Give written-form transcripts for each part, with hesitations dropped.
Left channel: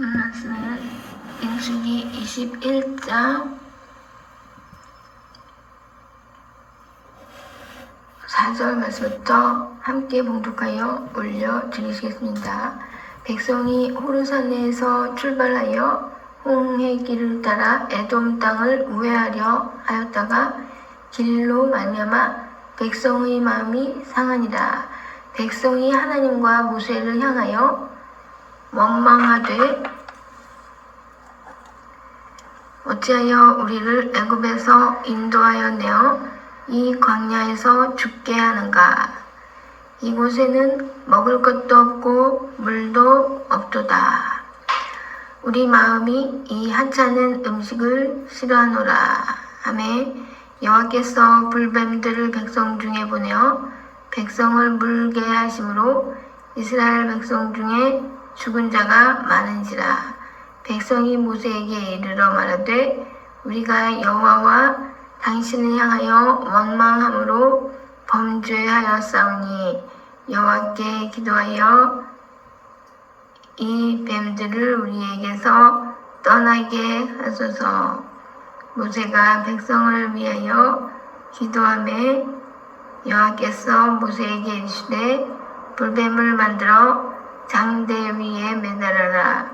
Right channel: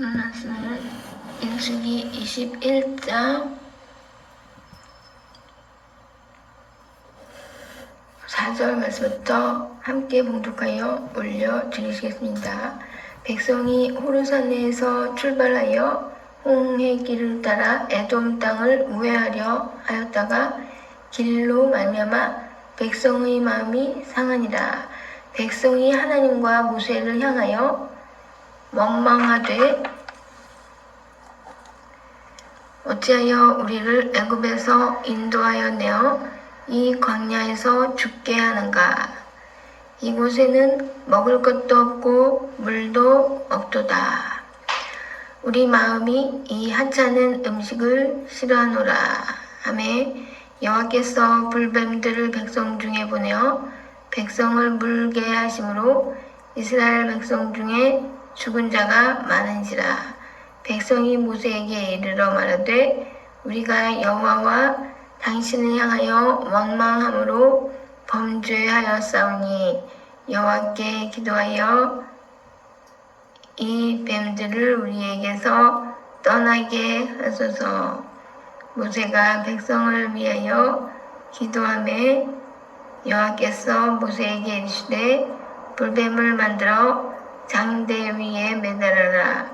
말씀은 민수기 21장 4절 말씀부터 함께 봉독하여 올려드리시겠습니다. 백성이 호르산에서 출발하여 홍해 길을 따라 에돔 땅을 우회하려 하였다가 길로 말미암아 백성의 마음이 상하니라. 백성이 하나님과 모세를 향하여 원망하되 어찌하여 우리를 애굽에서 인도하여 내어 이 광야에서 죽게 하는가. 이곳에는 먹을 것도 없고 물도 없도다. 우리 마음이 이 하찮은 음식을 싫어하노라 하매 여호와께서 불뱀들을 백성 중에 보내어 백성을 물게 하심으로 이스라엘 백성 중에 죽은 자가 많은지라. 백성이 모세에게 이르러 말하되 우리가 여호와와 당신을 향하여 원망함으로 범죄하였사오니 여호와께 기도하여 이 뱀들을 우리에게서 떠나게 하소서. 모세가 백성을 위하여 기도하매 여호와께서 모세에게 이르시되 불뱀을 만들어 장대 위에 매달아라.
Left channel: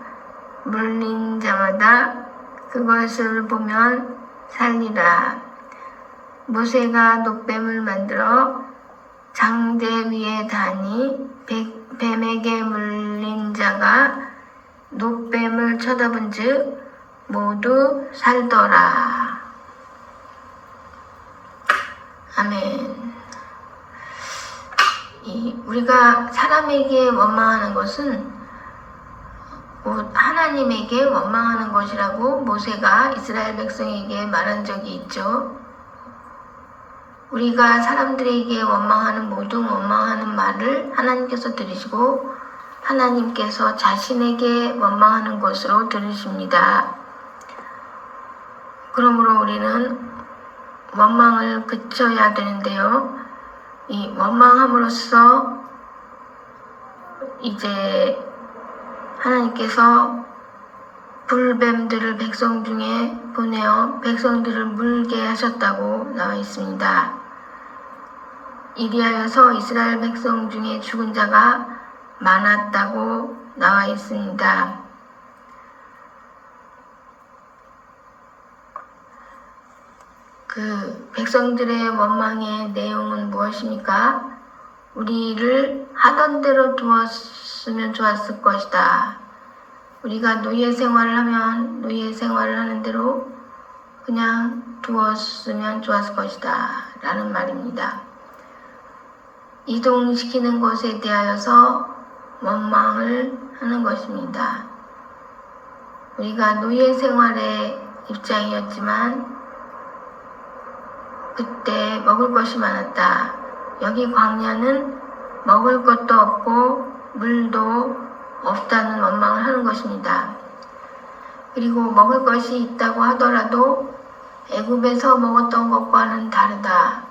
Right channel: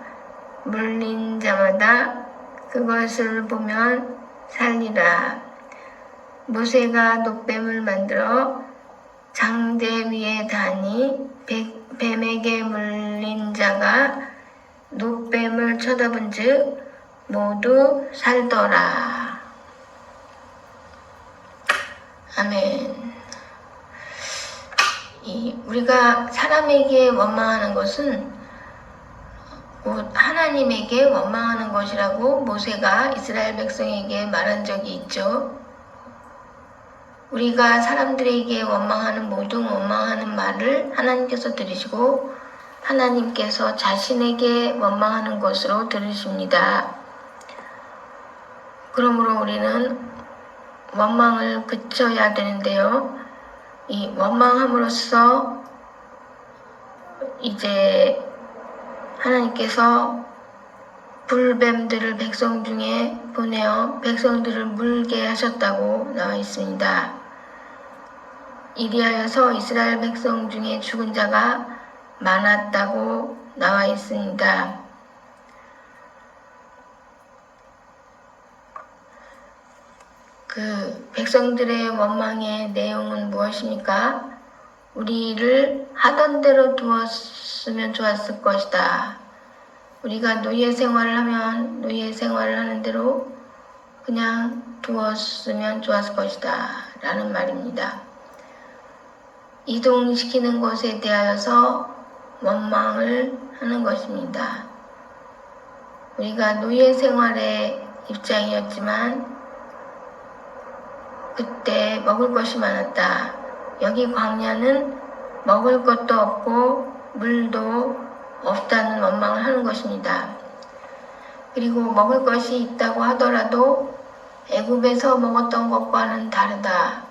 물린 자마다 그것을 보면 살리라. 모세가 녹뱀을 만들어 장대 위에 다니 뱀에게 물린 자가 녹뱀을 쳐다본 즉 모두 살더라. 아멘. 우리가 사람에게 원망하는 것은 곧 하나님에게 원망하는 것이라고 모세가 이스라엘 백성에게 말한 적이 있죠. 우리가 사람들에게 원망하는 모든 원망하는 말을 하나님께서 들으시고 하나님께서 자신에게 원망하는 것으로 들으십니다. 그러므로 우리는 원망을 그쳐야 되는데요. 이 원망함으로써 이제 하나님께서 불뱀들을 백성 중에 보내어 백성들을 물게 하셨다고 나와 있습니다. 이리하여서 이스라엘 백성 중에 죽은 자가 많았다고 나와 있습니다. 그 백성들의 원망의 내용은 무엇입니까? 우리를 하던 대로 두었으면 좋았을 것이다. 우리가 노예 생활을 하면 노예 생활을 하는 대로 그냥 두었으면 좋았을 것이다 라는 말입니다. 이동시키는 것에 대하여서 원망을 하는 것입니다. 우리가 노예 생활의 입장이었지만 그때 먹을 것이 많았다. 여기 광야는 먹을 것도 없고 물도 없다는 원망을 하는 것입니다. 그리고 먹을 것이 있다고 하더라도 애굽에서 먹었던 것과는 다르다.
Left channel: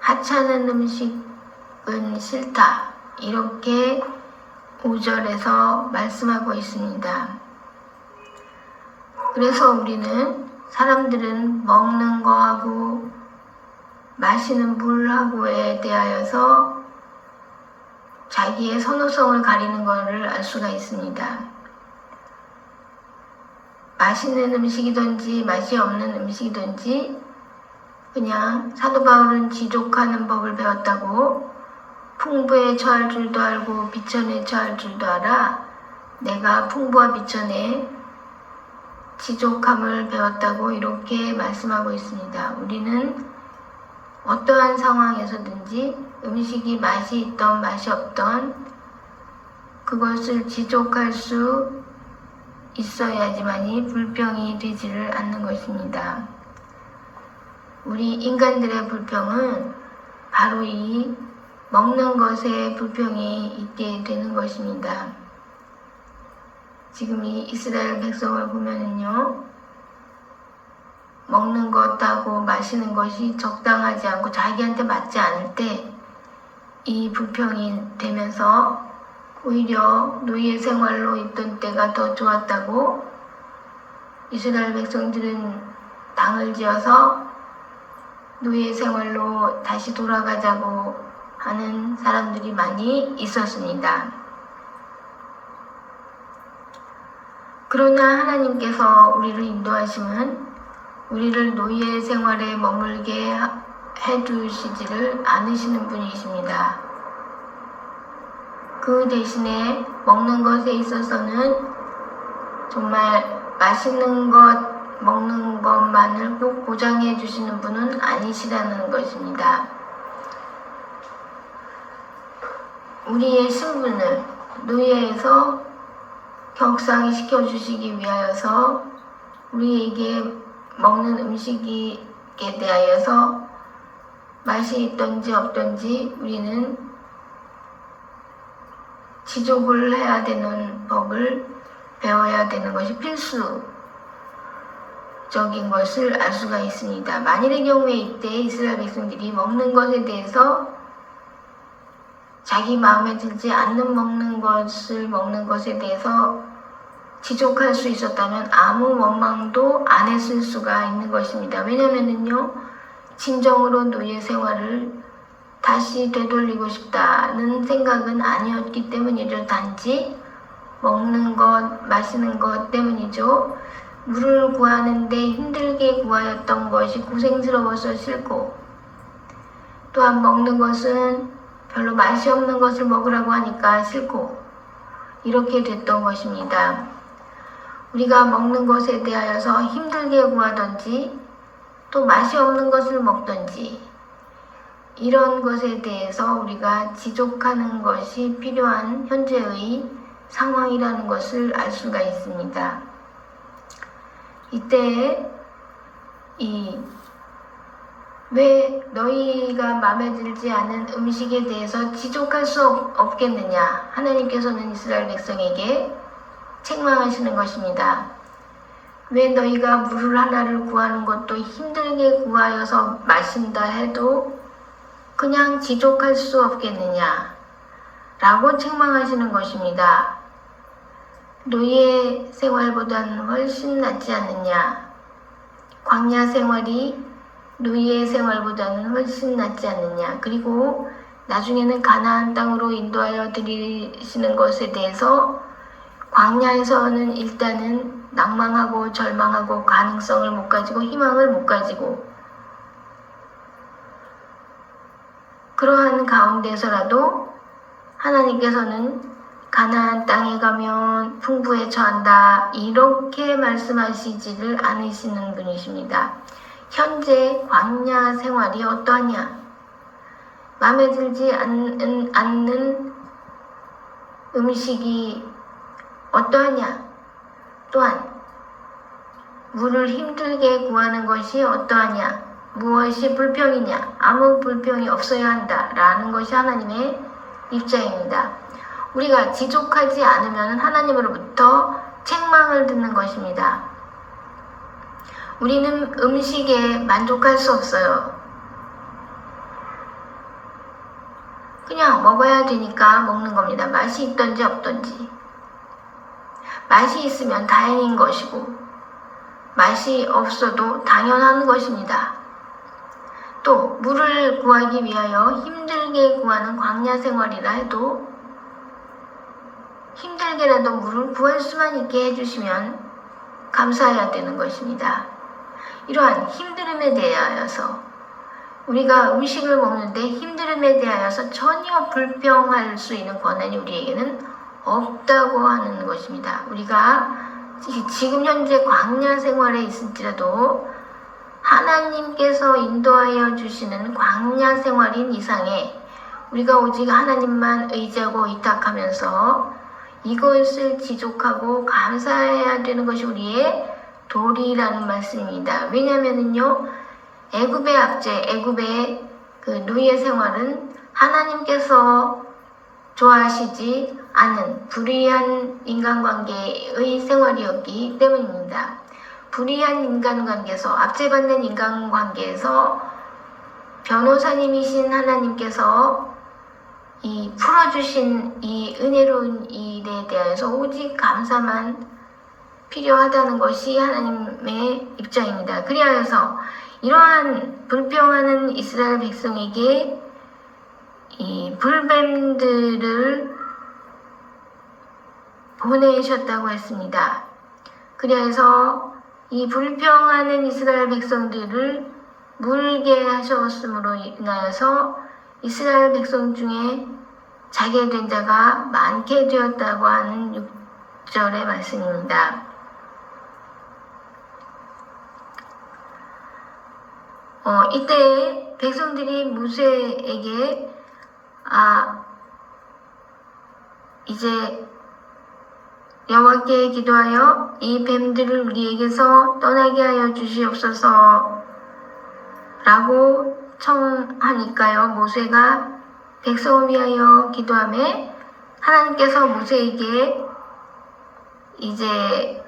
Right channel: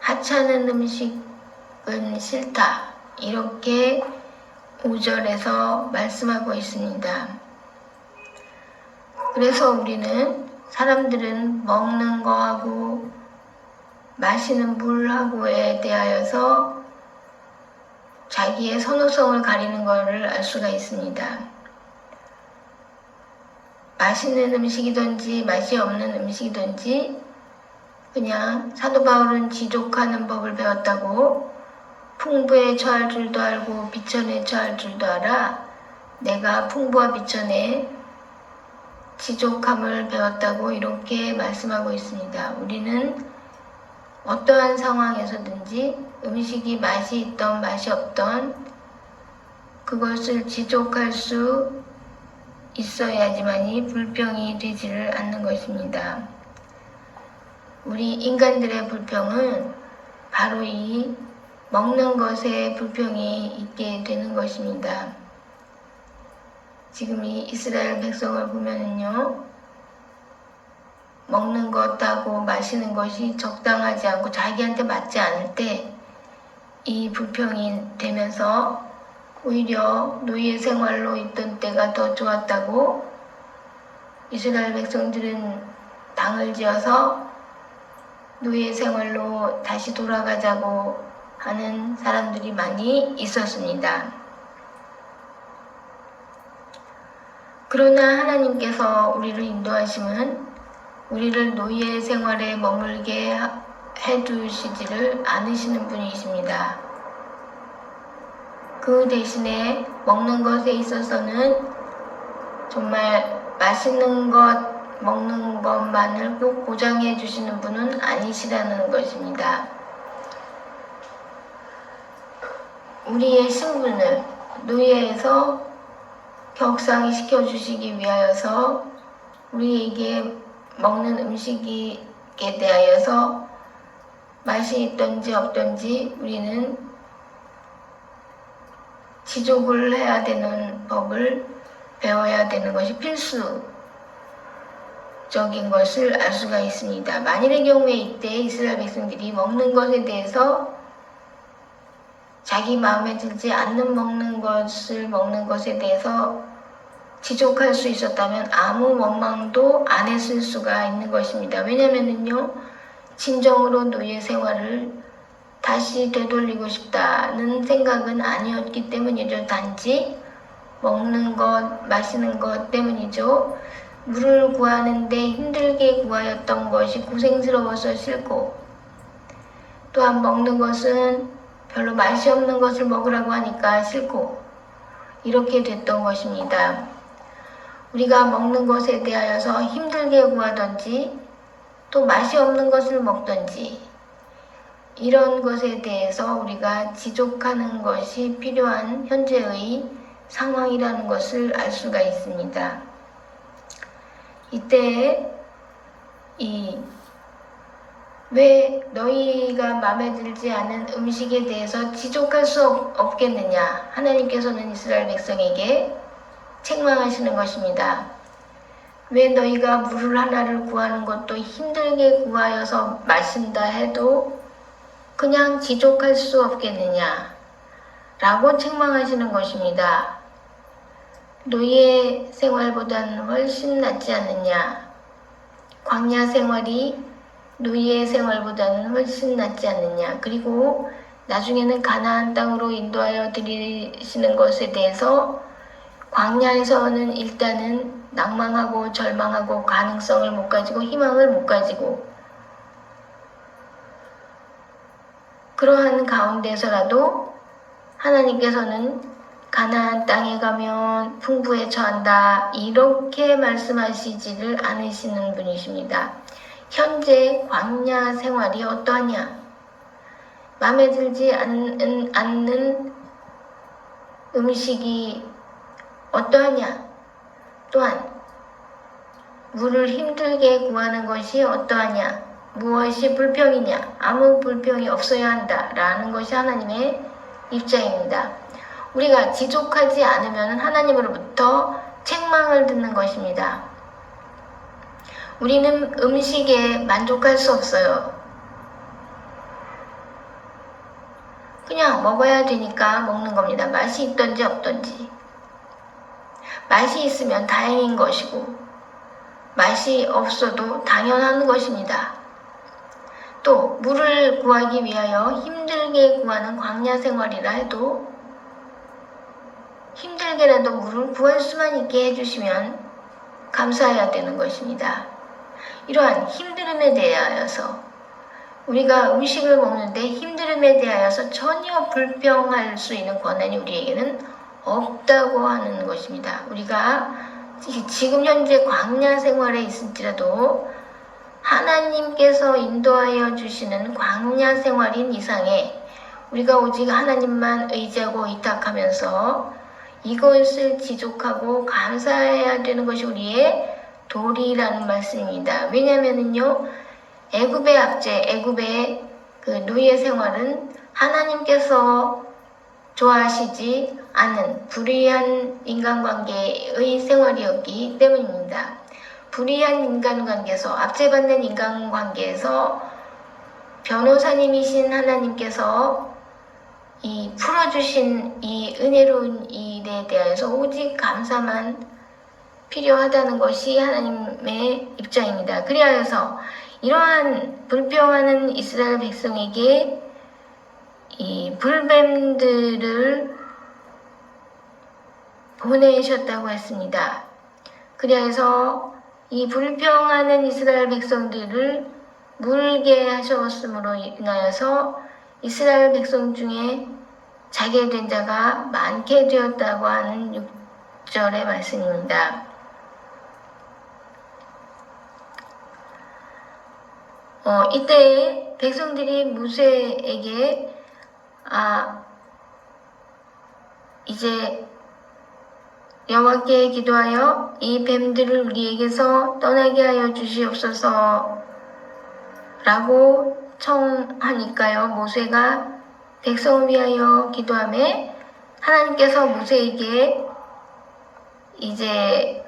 하찮은 음식은 싫다. 이렇게 5절에서 말씀하고 있습니다. 그래서 우리는 사람들은 먹는 거하고 마시는 물하고에 대하여서 자기의 선호성을 가리는 것을 알 수가 있습니다. 맛있는 음식이든지 맛이 없는 음식이든지 그냥 사도 바울은 지족하는 법을 배웠다고 풍부에 처할 줄도 알고 비천에 처할 줄도 알아 내가 풍부와 비천에 지족함을 배웠다고 이렇게 말씀하고 있습니다. 우리는 어떠한 상황에서든지 음식이 맛이 있던 맛이 없던 그것을 지족할 수 있어야지만이 불평이 되지를 않는 것입니다. 우리 인간들의 불평은 바로 이 먹는 것에 불평이 있게 되는 것입니다. 지금 이 이스라엘 백성을 보면은요, 먹는 것하고 마시는 것이 적당하지 않고 자기한테 맞지 않을 때 이 불평이 되면서 오히려 노예 생활로 있던 때가 더 좋았다고 이스라엘 백성들은 당을 지어서 노예 생활로 다시 돌아가자고 하는 사람들이 많이 있었습니다. 그러나 하나님께서 우리를 인도하시면 우리를 노예 생활에 머물게 해두시지를 않으시는 분이십니다. 그 대신에 먹는 것에 있어서는 정말 맛있는 것 먹는 것만을 꼭 보장해 주시는 분은 아니시라는 것입니다. 우리의 신분을 노예에서 격상이 시켜주시기 위하여서 우리에게 먹는 음식에 대하여서 맛이 있든지 없든지 우리는 지족을 해야 되는 법을 배워야 되는 것이 필수적인 것을 알 수가 있습니다. 만일의 경우에 이때 이스라엘 백성들이 먹는 것에 대해서 자기 마음에 들지 않는 먹는 것에 대해서 지족할 수 있었다면 아무 원망도 안 했을 수가 있는 것입니다. 왜냐면은요, 진정으로 노예 생활을 다시 되돌리고 싶다는 생각은 아니었기 때문이죠. 단지 먹는 것, 마시는 것 때문이죠. 물을 구하는데 힘들게 구하였던 것이 고생스러워서 싫고, 또한 먹는 것은 별로 맛이 없는 것을 먹으라고 하니까 싫고, 이렇게 됐던 것입니다. 우리가 먹는 것에 대하여서 힘들게 구하든지 또 맛이 없는 것을 먹든지 이런 것에 대해서 우리가 지족하는 것이 필요한 현재의 상황이라는 것을 알 수가 있습니다. 이때 왜 너희가 마음에 들지 않은 음식에 대해서 지족할 수 없겠느냐? 하나님께서는 이스라엘 백성에게 책망하시는 것입니다. 왜 너희가 물을 하나를 구하는 것도 힘들게 구하여서 마신다 해도 그냥 지족할 수 없겠느냐? 라고 책망하시는 것입니다. 노예 생활보다는 훨씬 낫지 않느냐? 광야 생활이 노예 생활보다는 훨씬 낫지 않느냐? 그리고 나중에는 가나안 땅으로 인도하여 드리시는 것에 대해서 광야에서는 일단은 낭망하고 절망하고 가능성을 못 가지고 희망을 못 가지고 그러한 가운데서라도 하나님께서는 가나안 땅에 가면 풍부에 처한다 이렇게 말씀하시지를 않으시는 분이십니다. 현재 광야 생활이 어떠하냐? 마음에 들지 않는 음식이 어떠하냐? 또한 물을 힘들게 구하는 것이 어떠하냐? 무엇이 불평이냐? 아무 불평이 없어야 한다 라는 것이 하나님의 입장입니다. 우리가 지족하지 않으면 하나님으로부터 책망을 듣는 것입니다. 우리는 음식에 만족할 수 없어요. 그냥 먹어야 되니까 먹는 겁니다. 맛이 있든지 없든지. 맛이 있으면 다행인 것이고 맛이 없어도 당연한 것입니다. 또 물을 구하기 위하여 힘들게 구하는 광야 생활이라 해도 힘들게라도 물을 구할 수만 있게 해주시면 감사해야 되는 것입니다. 이러한 힘듦에 대하여서 우리가 음식을 먹는데 힘듦에 대하여서 전혀 불평할 수 있는 권한이 우리에게는 없다고 하는 것입니다. 우리가 지금 현재 광야 생활에 있을지라도 하나님께서 인도하여 주시는 광야 생활인 이상에 우리가 오직 하나님만 의지하고 의탁하면서 이것을 지족하고 감사해야 되는 것이 우리의 도리라는 말씀입니다. 왜냐하면요, 애굽의 압제, 애굽의 그 노예 생활은 하나님께서 좋아하시지 않은 불의한 인간관계의 생활이었기 때문입니다. 불의한 인간관계에서, 압제받는 인간관계에서 변호사님이신 하나님께서 이 풀어주신 이 은혜로운 일에 대해서 오직 감사만 필요하다는 것이 하나님의 입장입니다. 그리하여서 이러한 불평하는 이스라엘 백성에게 이 불뱀들을 보내셨다고 했습니다. 그리하여서 이 불평하는 이스라엘 백성들을 물게 하셨음으로 인하여서 이스라엘 백성 중에 자게 된 자가 많게 되었다고 하는 6절의 말씀입니다. 이때 백성들이 모세에게 이제 여호와께 기도하여 이 뱀들을 우리에게서 떠나게 하여 주시옵소서 라고 청하니까요. 모세가 백성을 위하여 기도하며 하나님께서 모세에게 이제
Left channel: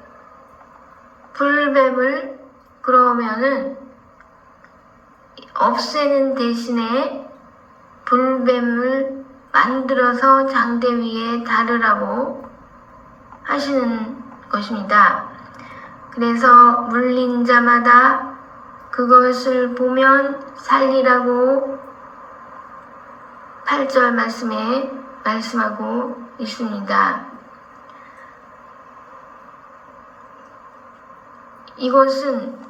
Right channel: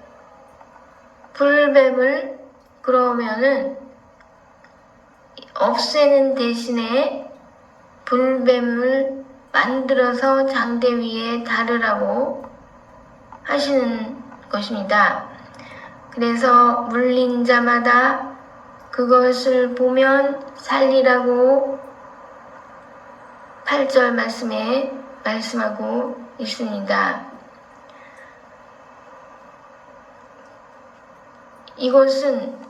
불뱀을 그러면은 없애는 대신에 불뱀을 만들어서 장대 위에 다르라고 하시는 것입니다. 그래서 물린 자마다 그것을 보면 살리라고 8절 말씀에 말씀하고 있습니다. 이것은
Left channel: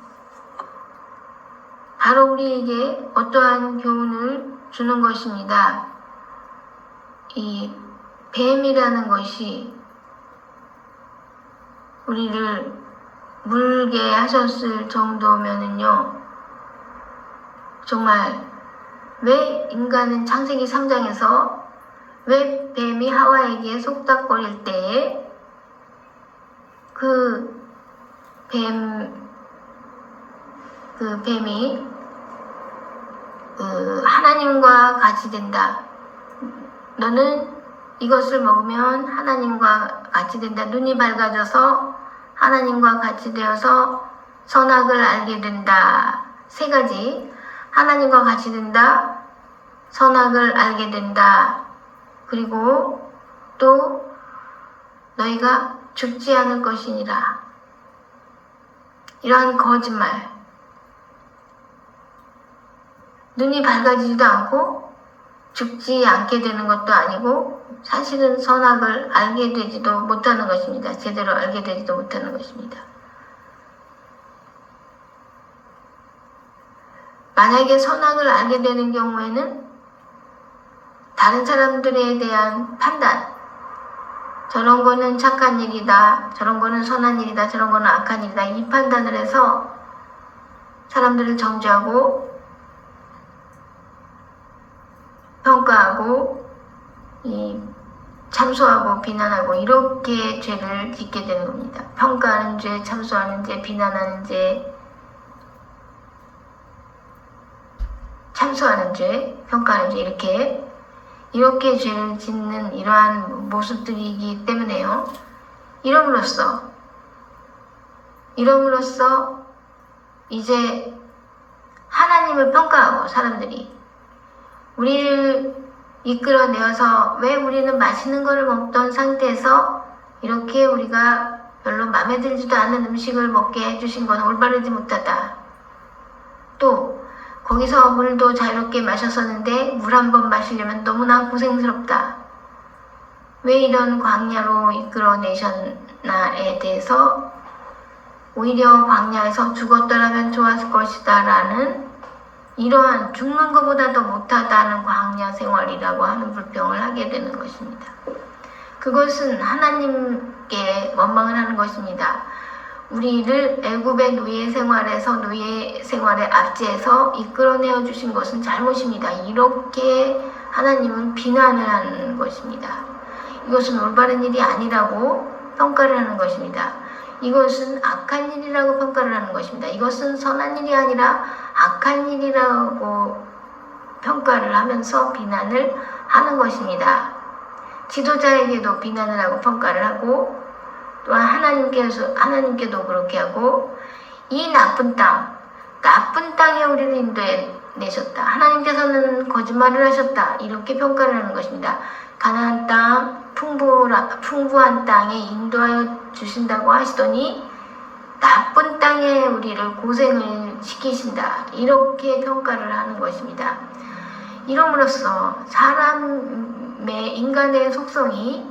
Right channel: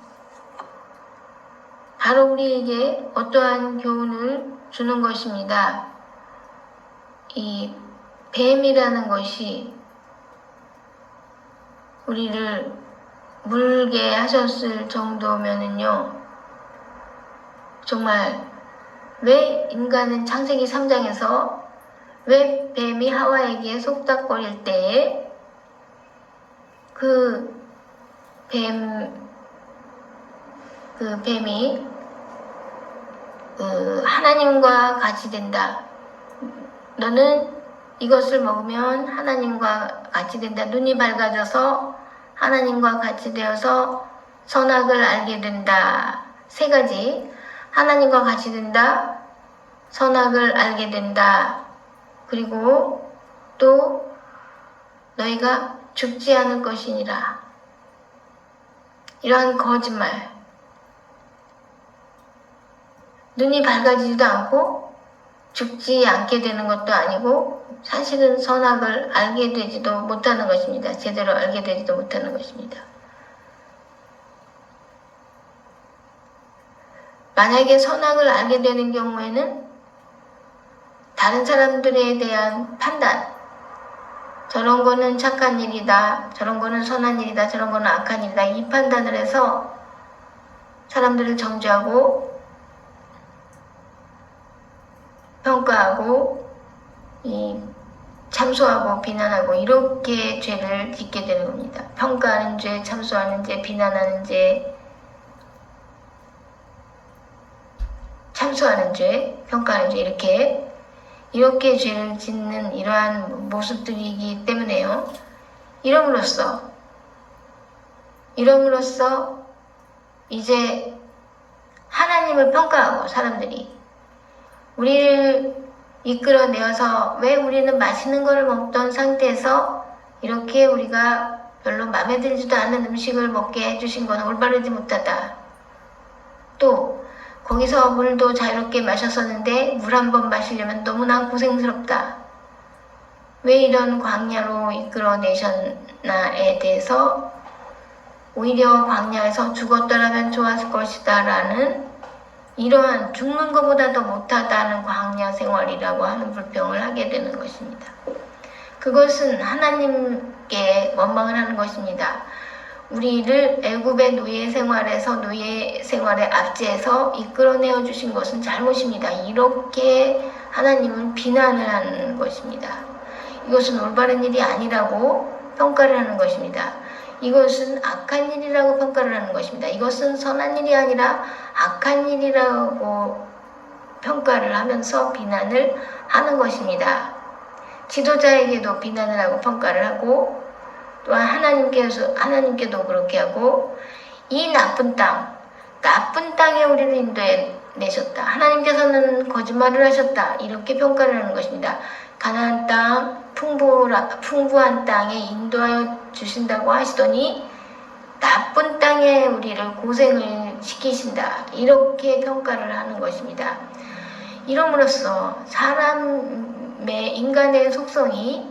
바로 우리에게 어떠한 교훈을 주는 것입니다. 이 뱀이라는 것이 우리를 물게 하셨을 정도면은요, 정말 왜 인간은 창세기 3장에서 왜 뱀이 하와에게 속닥거릴 때에 그 뱀이 하나님과 같이 된다. 너는 이것을 먹으면 하나님과 같이 된다. 눈이 밝아져서 하나님과 같이 되어서 선악을 알게 된다. 3가지. 하나님과 같이 된다. 선악을 알게 된다. 그리고 또 너희가 죽지 않을 것이니라. 이러한 거짓말. 눈이 밝아지지도 않고 죽지 않게 되는 것도 아니고 사실은 선악을 알게 되지도 못하는 것입니다. 제대로 알게 되지도 못하는 것입니다. 만약에 선악을 알게 되는 경우에는 다른 사람들에 대한 판단, 저런 거는 착한 일이다, 저런 거는 선한 일이다, 저런 거는 악한 일이다, 이 판단을 해서 사람들을 정죄하고 평가하고 참소하고 비난하고 이렇게 죄를 짓게 되는 겁니다. 평가하는 죄, 참소하는 죄, 비난하는 죄, 참소하는 죄, 평가하는 죄, 이렇게 죄를 짓는 이러한 모습들이기 때문에요. 이름으로써 이제 하나님을 평가하고 사람들이 우리를 이끌어내어서 왜 우리는 맛있는 거를 먹던 상태에서 이렇게 우리가 별로 마음에 들지도 않는 음식을 먹게 해주신 건 올바르지 못하다. 또 거기서 물도 자유롭게 마셨었는데 물 한 번 마시려면 너무나 고생스럽다. 왜 이런 광야로 이끌어내셨나에 대해서 오히려 광야에서 죽었더라면 좋았을 것이다 라는 이러한 죽는 것보다 더 못하다는 광야 생활이라고 하는 불평을 하게 되는 것입니다. 그것은 하나님께 원망을 하는 것입니다. 우리를 애굽의 노예 생활에서 노예 생활의 압제에서 이끌어내어 주신 것은 잘못입니다. 이렇게 하나님은 비난을 하는 것입니다. 이것은 올바른 일이 아니라고 평가를 하는 것입니다. 이것은 악한 일이라고 평가를 하는 것입니다. 이것은 선한 일이 아니라 악한 일이라고 평가를 하면서 비난을 하는 것입니다. 지도자에게도 비난을 하고 평가를 하고 또한 하나님께도 그렇게 하고 이 나쁜 땅에 우리를 내셨다. 하나님께서는 거짓말을 하셨다. 이렇게 평가를 하는 것입니다. 가나안 땅, 풍부한 땅에 인도하여 주신다고 하시더니 나쁜 땅에 우리를 고생을 시키신다. 이렇게 평가를 하는 것입니다. 이름으로써 사람의 인간의 속성이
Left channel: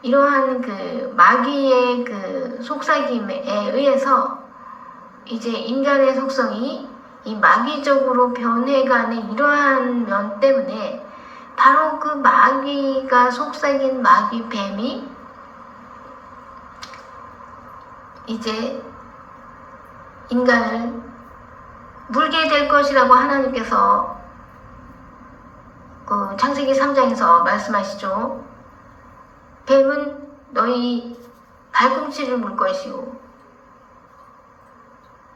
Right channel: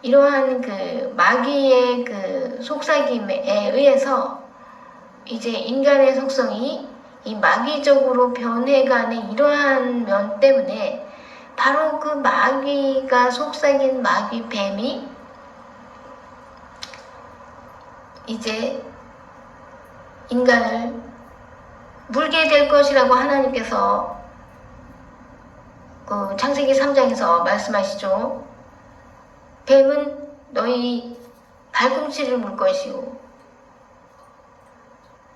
이러한 그 마귀의 그 속삭임에 의해서 이제 인간의 속성이 이 마귀적으로 변해가는 이러한 면 때문에 바로 그 마귀가 속삭인 마귀 뱀이 이제 인간을 물게 될 것이라고 하나님께서 그 창세기 3장에서 말씀하시죠. 뱀은 너희 발꿈치를 물 것이고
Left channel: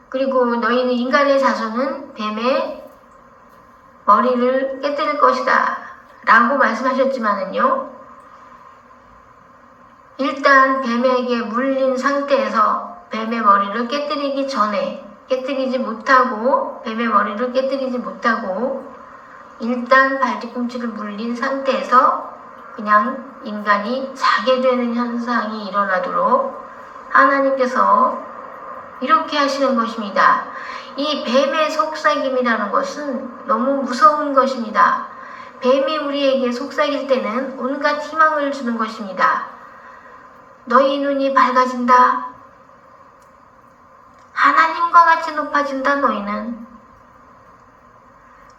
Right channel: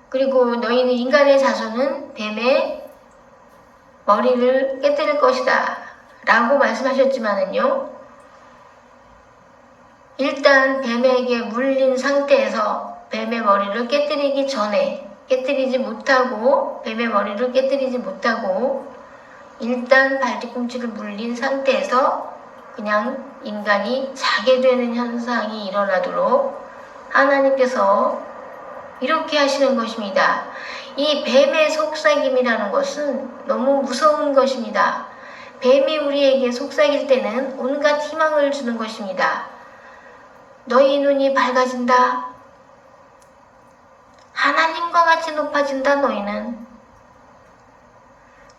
그리고 너희는 인간의 자손은 뱀의 머리를 깨뜨릴 것이다 라고 말씀하셨지만은요, 일단 뱀에게 물린 상태에서 뱀의 머리를 깨뜨리기 전에 깨뜨리지 못하고 뱀의 머리를 깨뜨리지 못하고 일단 발뒤꿈치를 물린 상태에서 그냥 인간이 자게 되는 현상이 일어나도록 하나님께서 이렇게 하시는 것입니다. 이 뱀의 속삭임이라는 것은 너무 무서운 것입니다. 뱀이 우리에게 속삭일 때는 온갖 희망을 주는 것입니다. 너희 눈이 밝아진다. 하나님과 같이 높아진다. 너희는.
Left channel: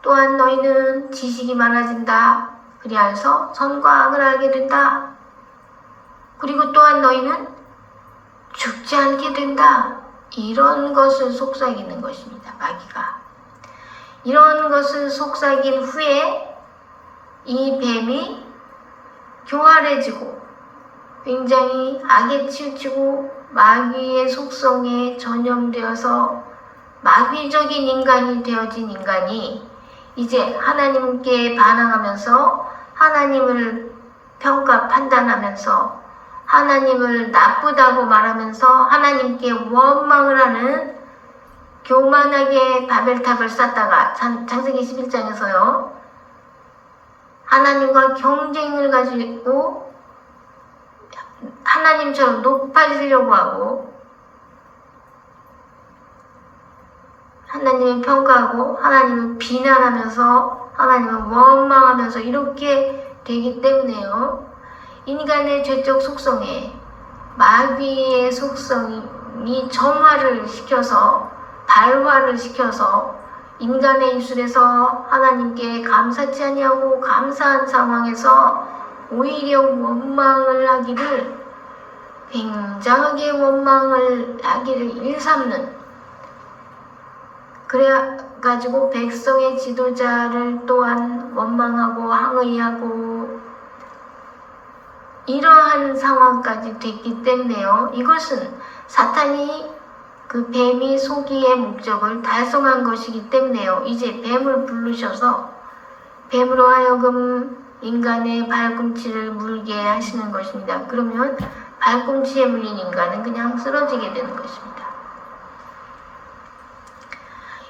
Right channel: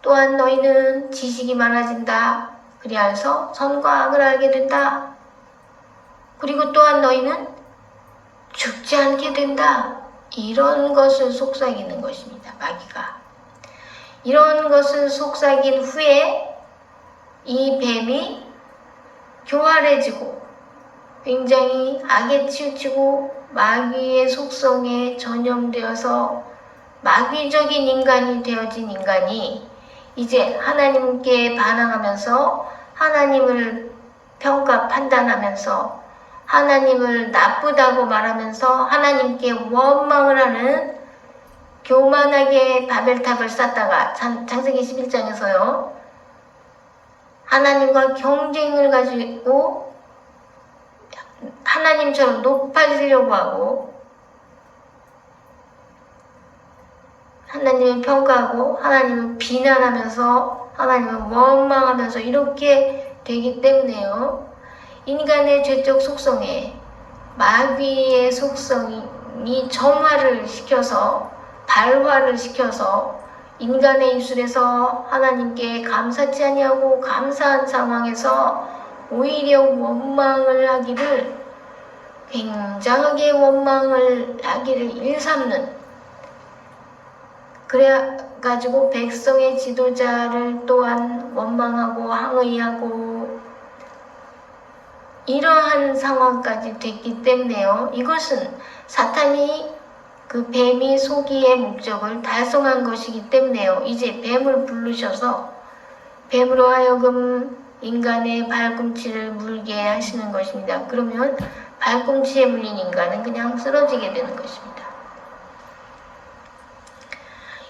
또한 너희는 지식이 많아진다. 그리하여서 선과 악을 알게 된다. 그리고 또한 너희는 죽지 않게 된다. 이런 것을 속삭이는 것입니다. 마귀가. 이런 것을 속삭인 후에 이 뱀이 교활해지고 굉장히 악에 치우치고 마귀의 속성에 전염되어서 마귀적인 인간이 되어진 인간이 이제 하나님께 반항하면서 하나님을 판단하면서 하나님을 나쁘다고 말하면서 하나님께 원망을 하는 교만하게 바벨탑을 쌓다가 창세기 11장에서요. 하나님과 경쟁을 가지고 하나님처럼 높아지려고 하고 하나님을 평가하고 하나님을 비난하면서 하나님을 원망하면서 이렇게 되기 때문에요. 인간의 죄적 속성에 마귀의 속성이 점화를 시켜서 발화를 시켜서 인간의 입술에서 하나님께 감사치 아니하고 감사한 상황에서 오히려 원망을 하기를 굉장하게 원망을 하기를 일삼는 그래가지고 백성의 지도자를 또한 원망하고 항의하고 이러한 상황까지 됐기 때문에요. 이것은 사탄이 그 뱀이 속이의 목적을 달성한 것이기 때문에요. 이제 뱀을 부르셔서 뱀으로 하여금 인간의 발꿈치를 물게 하시는 것입니다. 그러면 발꿈치에 물린 인간은 그냥 쓰러지게 되는 것입니다.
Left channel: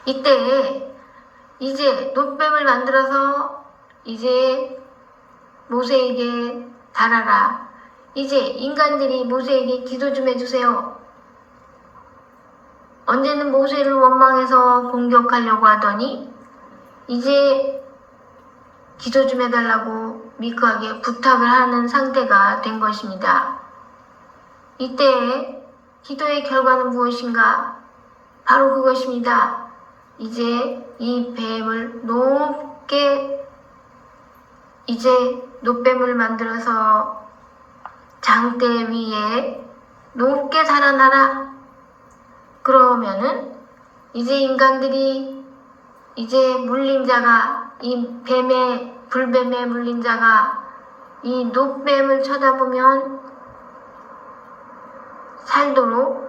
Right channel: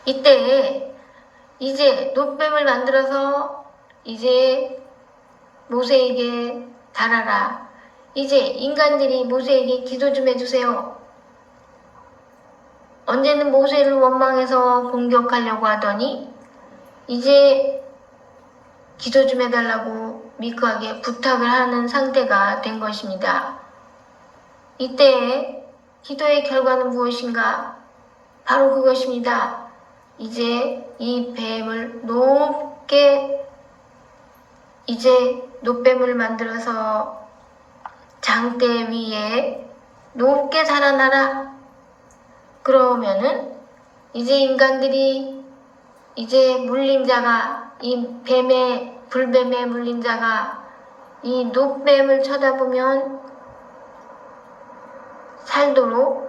이때 이제 놋뱀을 만들어서 이제 모세에게 달아라. 이제 인간들이 모세에게 기도 좀 해주세요. 언제는 모세를 원망해서 공격하려고 하더니 이제 기도 좀 해달라고 미크하게 부탁을 하는 상태가 된 것입니다. 이때 기도의 결과는 무엇인가? 바로 그것입니다. 이제 이 뱀을 높게 이제 놋뱀을 만들어서 장대 위에 높게 달아놔라. 그러면은 이제 인간들이 이제 물린 자가 이 불뱀에 물린 자가 이 놋뱀을 쳐다보면 살도록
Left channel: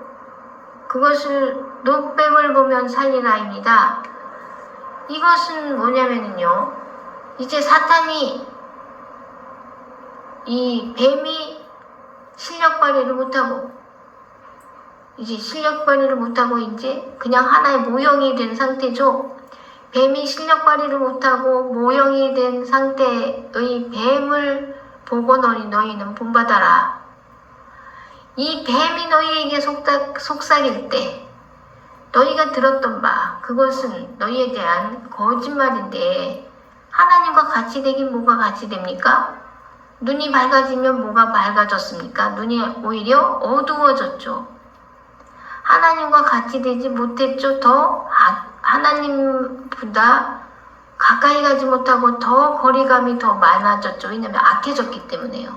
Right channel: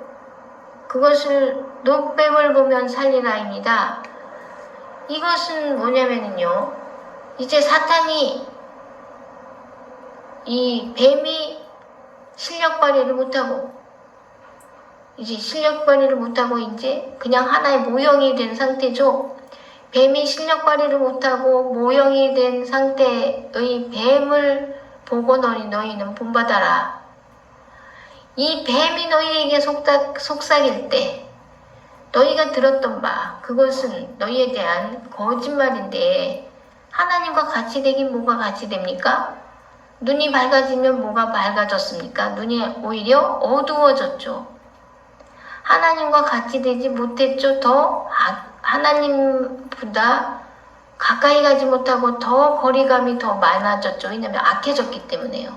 그것을 놋뱀을 보면 살리라입니다. 이것은 뭐냐면요. 이제 사탄이 이 뱀이 실력 발휘를 못하고 이제 그냥 하나의 모형이 된 상태죠. 뱀이 실력 발휘를 못하고 모형이 된 상태의 뱀을 보고 너희는 본받아라. 이 뱀이 너희에게 속삭일 때 너희가 들었던 바 그것은 너희에 대한 거짓말인데 하나님과 같이 되긴 뭐가 같이 됩니까? 눈이 밝아지면 뭐가 밝아졌습니까? 눈이 오히려 어두워졌죠. 하나님과 같이 되지 못했죠. 더 하나님보다 가까이 가지 못하고 더 거리감이 더 많아졌죠. 왜냐하면 악해졌기 때문에요.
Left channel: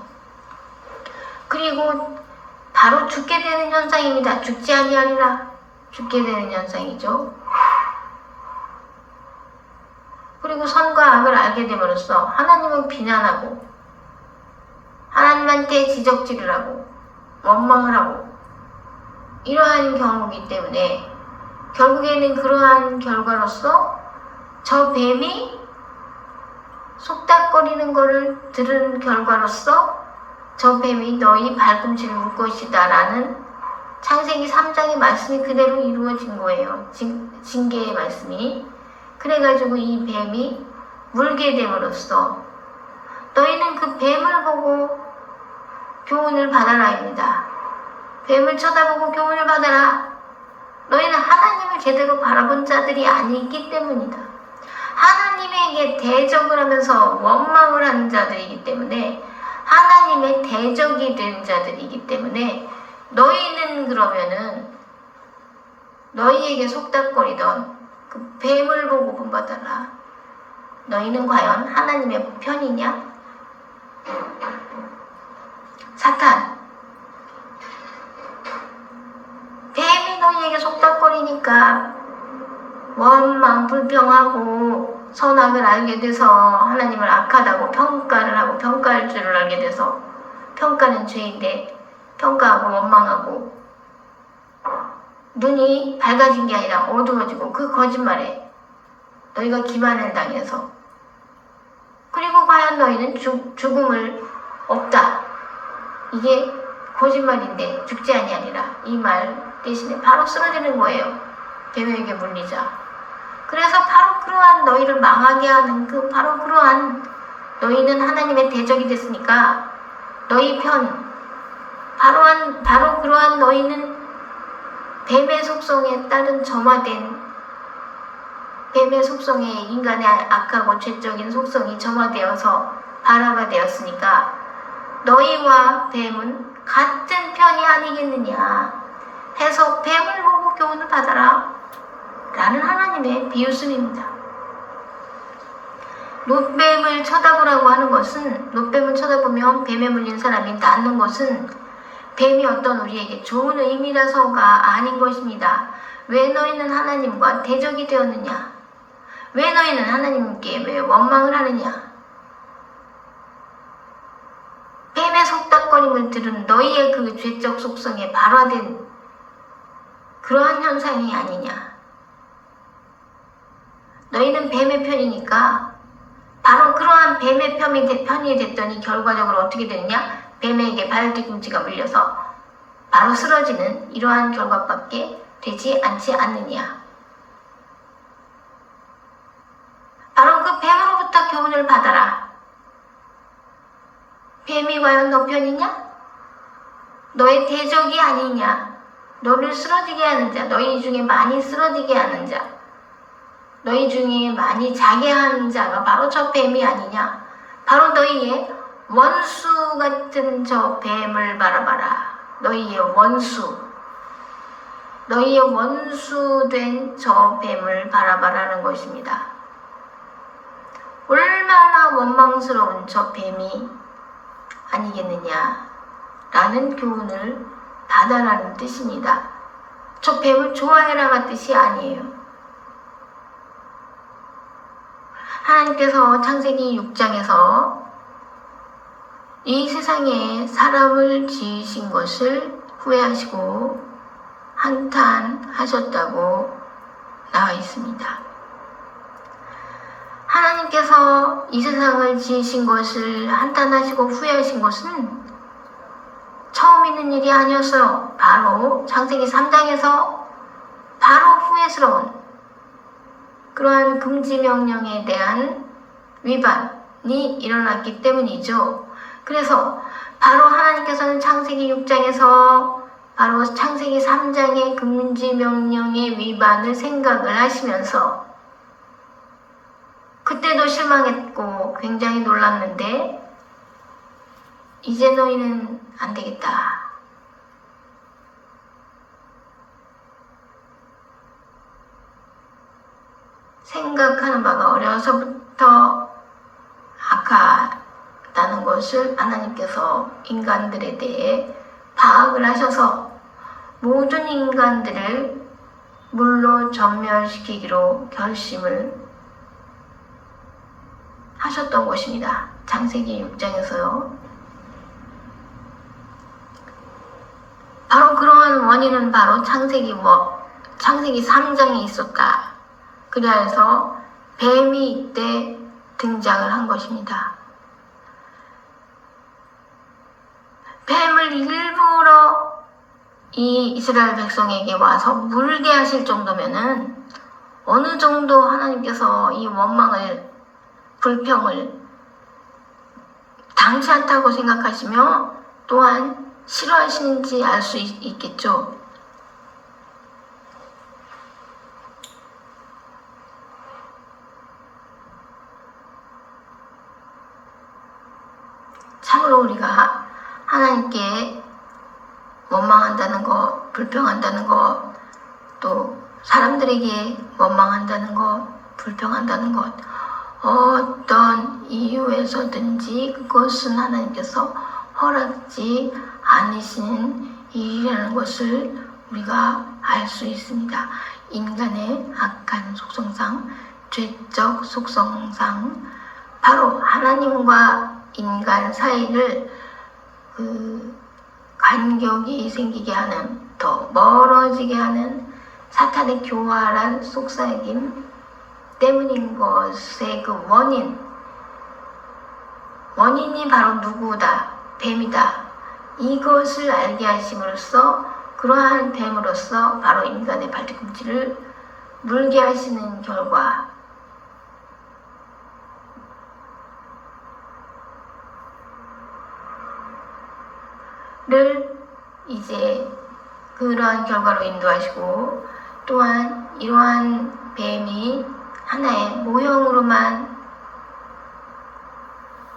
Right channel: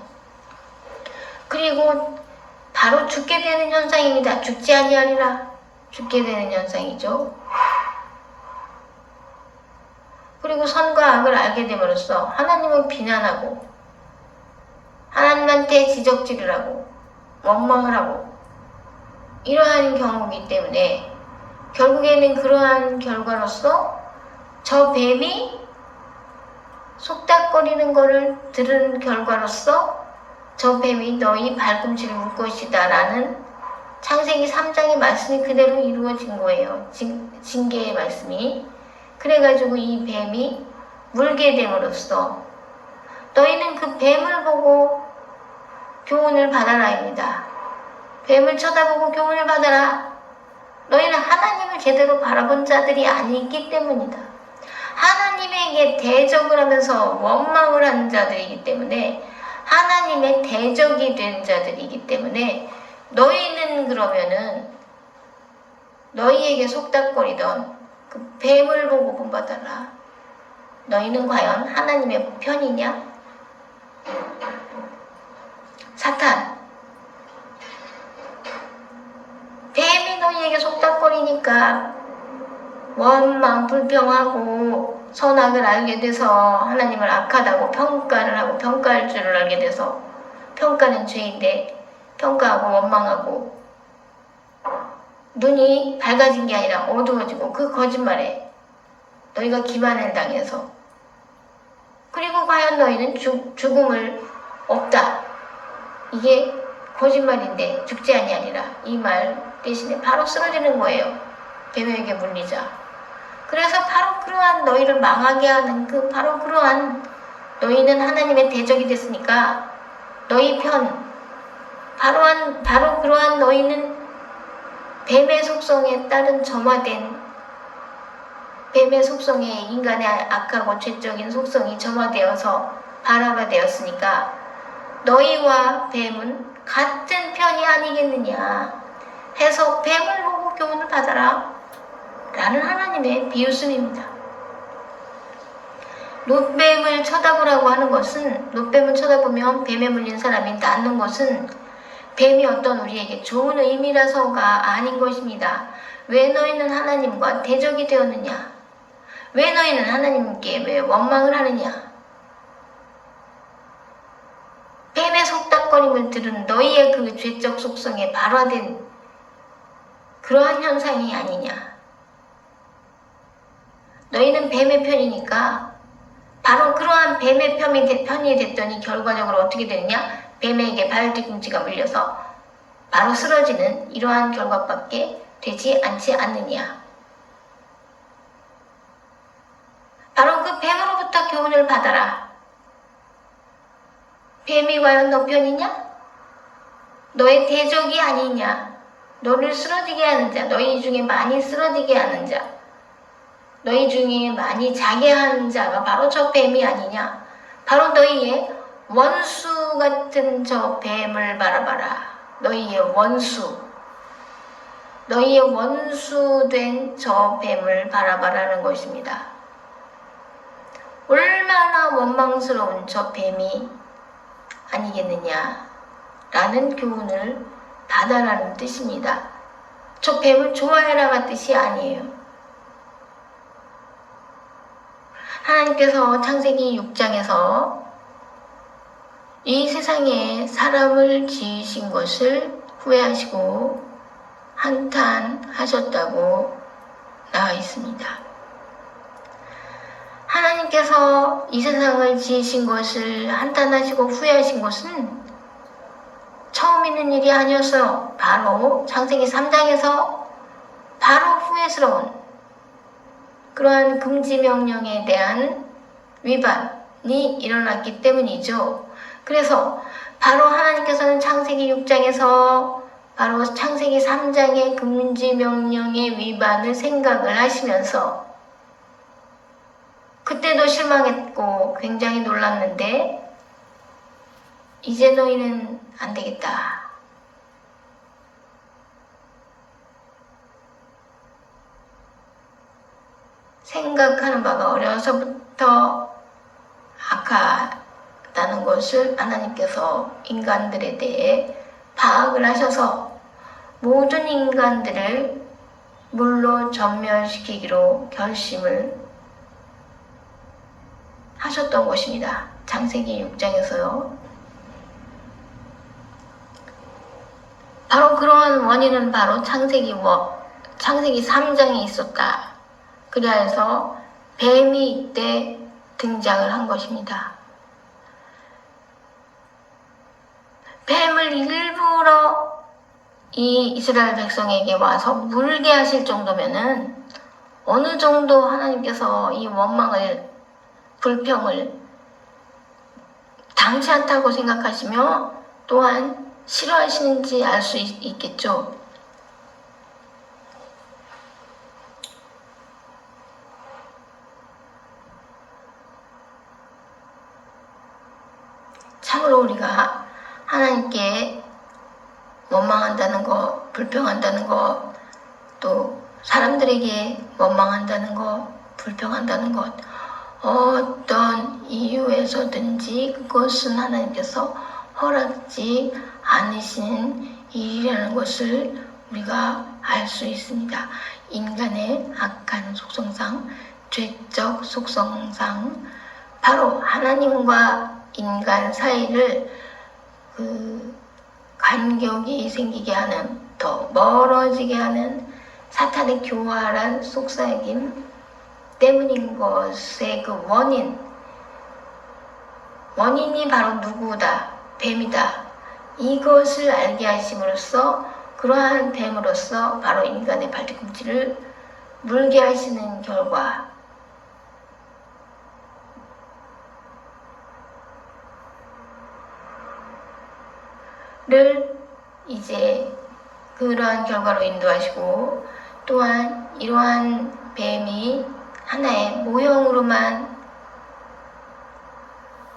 그리고 바로 죽게 되는 현상입니다. 죽지 아니하리라. 죽게 되는 현상이죠. 그리고 선과 악을 알게 됨으로써 하나님을 비난하고 하나님한테 지적질을 하고 원망을 하고 이러한 경우이기 때문에 결국에는 그러한 결과로서 저 뱀이 속닥거리는 것을 들은 결과로서 저 뱀이 너희 발꿈치를 물 것이다 라는 창세기 3장의 말씀이 그대로 이루어진 거예요. 징계의 말씀이. 그래가지고 이 뱀이 물게 됨으로써 너희는 그 뱀을 보고 교훈을 받아라입니다. 뱀을 쳐다보고 교훈을 받아라. 너희는 하나님을 제대로 바라본 자들이 아니기 때문이다. 하나님에게 대적을 하면서 원망을 하는 자들이기 때문에 하나님의 대적이 된 자들이기 때문에 너희는 그러면은 너희에게 속닥거리던 그 뱀을 보고 본받아라. 너희는 과연 하나님의 편이냐? 사탄. 뱀이 너희에게 속닥거리니까 원망 불평하고 선악을 알게 돼서 하나님을 악하다고 평가를 하고 평가할 줄을 알게 돼서 평가는 죄인데 평가하고 원망하고 눈이 밝아진 게 아니라 어두워지고 그 거짓말에 너희가 기만을 당해서 그리고 과연 너희는 죽음을 없다. 이게 거짓말인데 죽지 아니하리라. 이 말 대신에 바로 쓰러지는 거예요. 뱀에게 물리자. 그래서 바로 그러한 너희를 망하게 하는 바로 그러한 너희는 하나님의 대적이 됐으니까 너희 편 바로 그러한 너희는 뱀의 속성에 따른 점화된 뱀의 속성에 인간의 악하고 죄적인 속성이 점화되어서 발화가 되었으니까 너희와 뱀은 같은 편이 아니겠느냐 해서 뱀을 보고 교훈을 받아라 라는 하나님의 비유씀입니다. 놋뱀을 쳐다보라고 하는 것은 놋뱀을 쳐다보면 뱀에 물린 사람이 낫는 것은 뱀이 어떤 우리에게 좋은 의미라서가 아닌 것입니다. 왜 너희는 하나님과 대적이 되었느냐? 왜 너희는 하나님께 왜 원망을 하느냐? 뱀의 속닥거림을 들은 너희의 그 죄적 속성에 발화된 그러한 현상이 아니냐? 너희는 뱀의 편이니까 바로 그러한 뱀의 편이 됐더니 결과적으로 어떻게 되느냐? 뱀에게 발 뒤꿈치가 물려서 바로 쓰러지는 이러한 결과밖에 되지 않지 않느냐. 바로 그 뱀으로부터 교훈을 받아라. 뱀이 과연 너 편이냐? 너의 대적이 아니냐? 너를 쓰러지게 하는 자, 너희 중에 많이 쓰러지게 하는 자, 너희 중에 많이 자게 하는 자가 바로 저 뱀이 아니냐? 바로 너희의 원수 같은 저 뱀을 바라봐라. 너희의 원수된 저 뱀을 바라봐라는 것입니다. 얼마나 원망스러운 저 뱀이 아니겠느냐라는 교훈을 받아라는 뜻입니다. 저 뱀을 좋아해라가 뜻이 아니에요. 하나님께서 창세기 6장에서 이 세상에 사람을 지으신 것을 후회하시고 한탄하셨다고 나와 있습니다. 하나님께서 이 세상을 지으신 것을 한탄하시고 후회하신 것은 처음 있는 일이 아니었어요. 바로 창세기 3장에서 바로 후회스러운 그러한 금지 명령에 대한 위반이 일어났기 때문이죠. 그래서 바로 하나님께서는 창세기 6장에서 바로 창세기 3장의 금지 명령의 위반을 생각을 하시면서 그때도 실망했고 굉장히 놀랐는데 이제 너희는 안 되겠다. 생각하는 바가 어려서부터 악하다는 것을 하나님께서 인간들에 대해 파악을 하셔서 모든 인간들을 물로 전멸시키기로 결심을 하셨던 것입니다. 창세기 6장에서요. 바로 그러한 원인은 바로 창세기 3장에 있었다. 그리하여서 뱀이 이때 등장을 한 것입니다. 뱀을 일부러 이 이스라엘 백성에게 와서 물게 하실 정도면은 어느 정도 하나님께서 이 원망을, 불평을 당치 않다고 생각하시며 또한 싫어하시는지 알 수 있겠죠. 참으로 우리가 하나님께 원망한다는 것, 불평한다는 것, 또 사람들에게 원망한다는 것, 불평한다는 것, 어떤 이유에서든지 그것은 하나님께서 허락지 않으신 일이라는 것을 우리가 알 수 있습니다. 인간의 악한 속성상, 죄적 속성상 바로 하나님과 인간 사이를 간격이 생기게 하는, 더 멀어지게 하는 사탄의 교활한 속삭임 때문인 것의 그 원인이 바로 누구다, 뱀이다. 이것을 알게 하심으로써 그러한 뱀으로써 바로 인간의 발뒤꿈치를 물게 하시는 결과 를 이제 그러한 결과로 인도하시고 또한 이러한 뱀이 하나의 모형으로만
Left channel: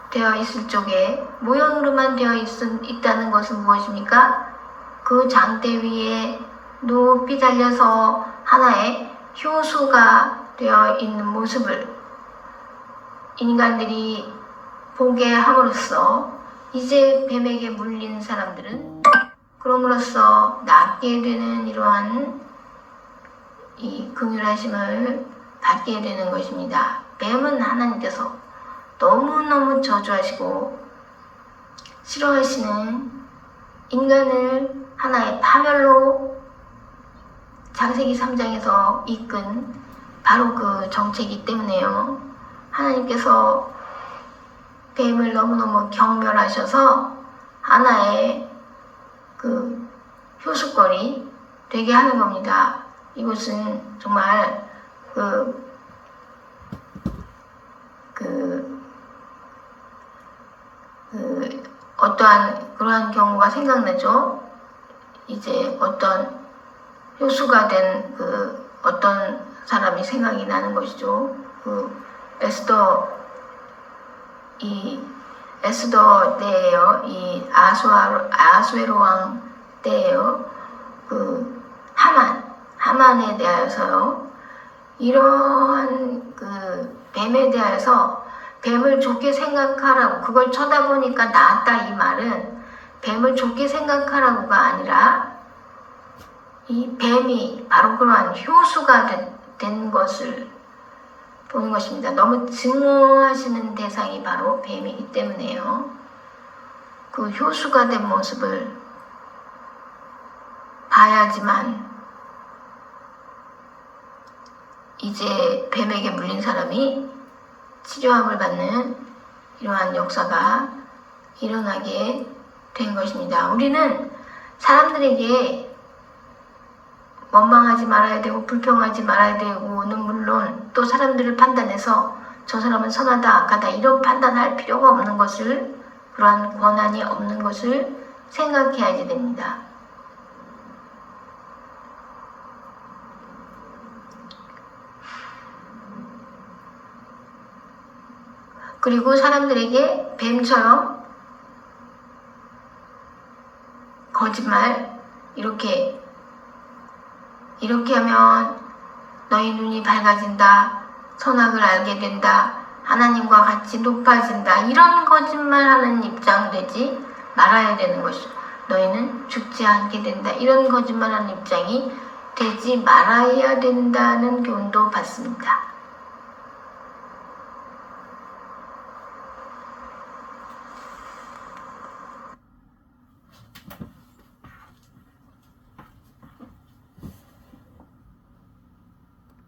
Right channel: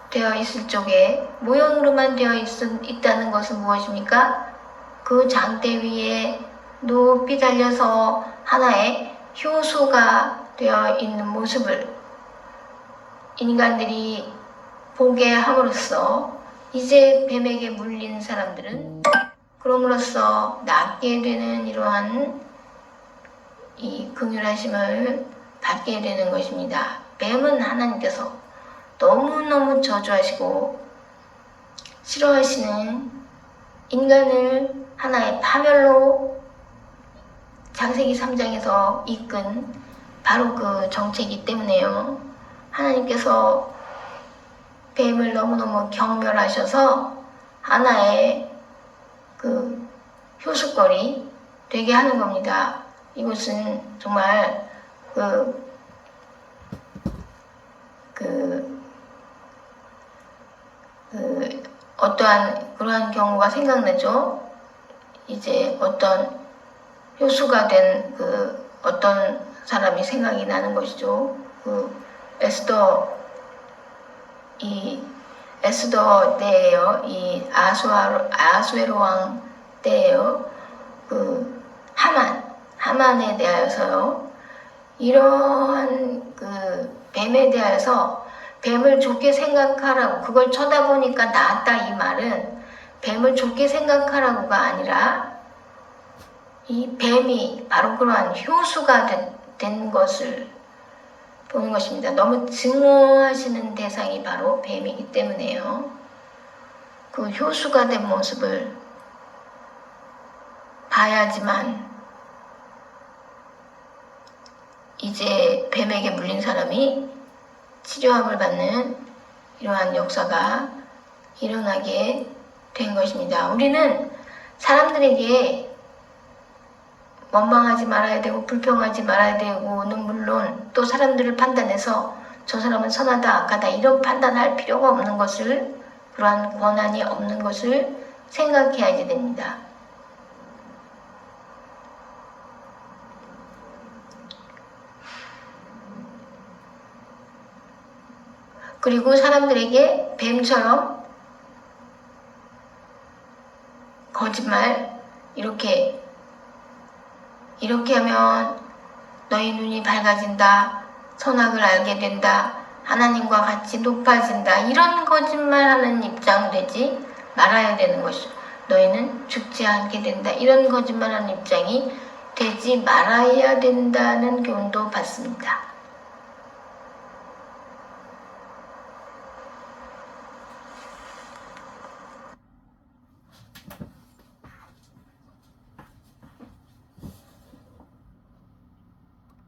되어 있을 쪽에 모형으로만 되어 있다는 것은 무엇입니까? 그 장대 위에 높이 달려서 하나의 효수가 되어 있는 모습을 인간들이 보게 함으로써 이제 뱀에게 물린 사람들은 그럼으로써 낫게 되는 이러한 이 긍휼하심을 받게 되는 것입니다. 뱀은 하나님께서 너무너무 저주하시고 싫어하시는 인간을 하나의 파멸로 창세기 3장에서 이끈 바로 그 정체이기 때문에요. 하나님께서 뱀을 너무너무 경멸하셔서 하나의 그 효수거리 되게 하는 겁니다. 이것은 정말 어떠한 그러한 경우가 생각나죠? 이제 어떤 효수가 된 어떤 사람이 생각이 나는 것이죠. 에스더 때예요. 이 아수에로 왕 때예요. 하만에 대하여서요. 이러한 뱀에 대하여서 뱀을 좋게 생각하라고, 그걸 쳐다보니까 낫다 이 말은 뱀을 좋게 생각하라고가 아니라 이 뱀이 바로 그러한 효수가 된 것을 보는 것입니다. 너무 증오하시는 대상이 바로 뱀이기 때문에요. 그 효수가 된 모습을 봐야지만 이제 뱀에게 물린 사람이 치료함을 받는 이러한 역사가 일어나게 된 것입니다. 우리는 사람들에게 원망하지 말아야 되고 불평하지 말아야 되고는 물론 또 사람들을 판단해서 저 사람은 선하다 악하다 이런 판단할 필요가 없는 것을, 그러한 권한이 없는 것을 생각해야지 됩니다. 그리고 사람들에게 뱀처럼 거짓말 이렇게 하면 너희 눈이 밝아진다, 선악을 알게 된다, 하나님과 같이 높아진다, 이런 거짓말하는 입장 되지 말아야 되는 것이죠. 너희는 죽지 않게 된다, 이런 거짓말하는 입장이 되지 말아야 된다는 교훈도 받습니다.